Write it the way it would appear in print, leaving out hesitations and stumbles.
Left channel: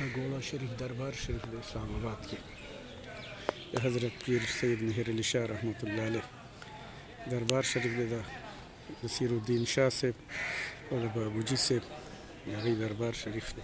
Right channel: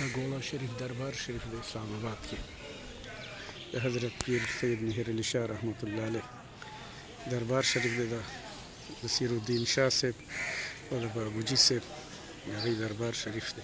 गोला शरीफ दरबार शरीफ दे इस्लामाबाद के हज़रत पीर सैयद मेहर अली शाह रहमतुल्लाह अलैह दरबार शरीफ दे नसीरुद्दीन शाह से और बाबूजी से दरबार शरीफ दे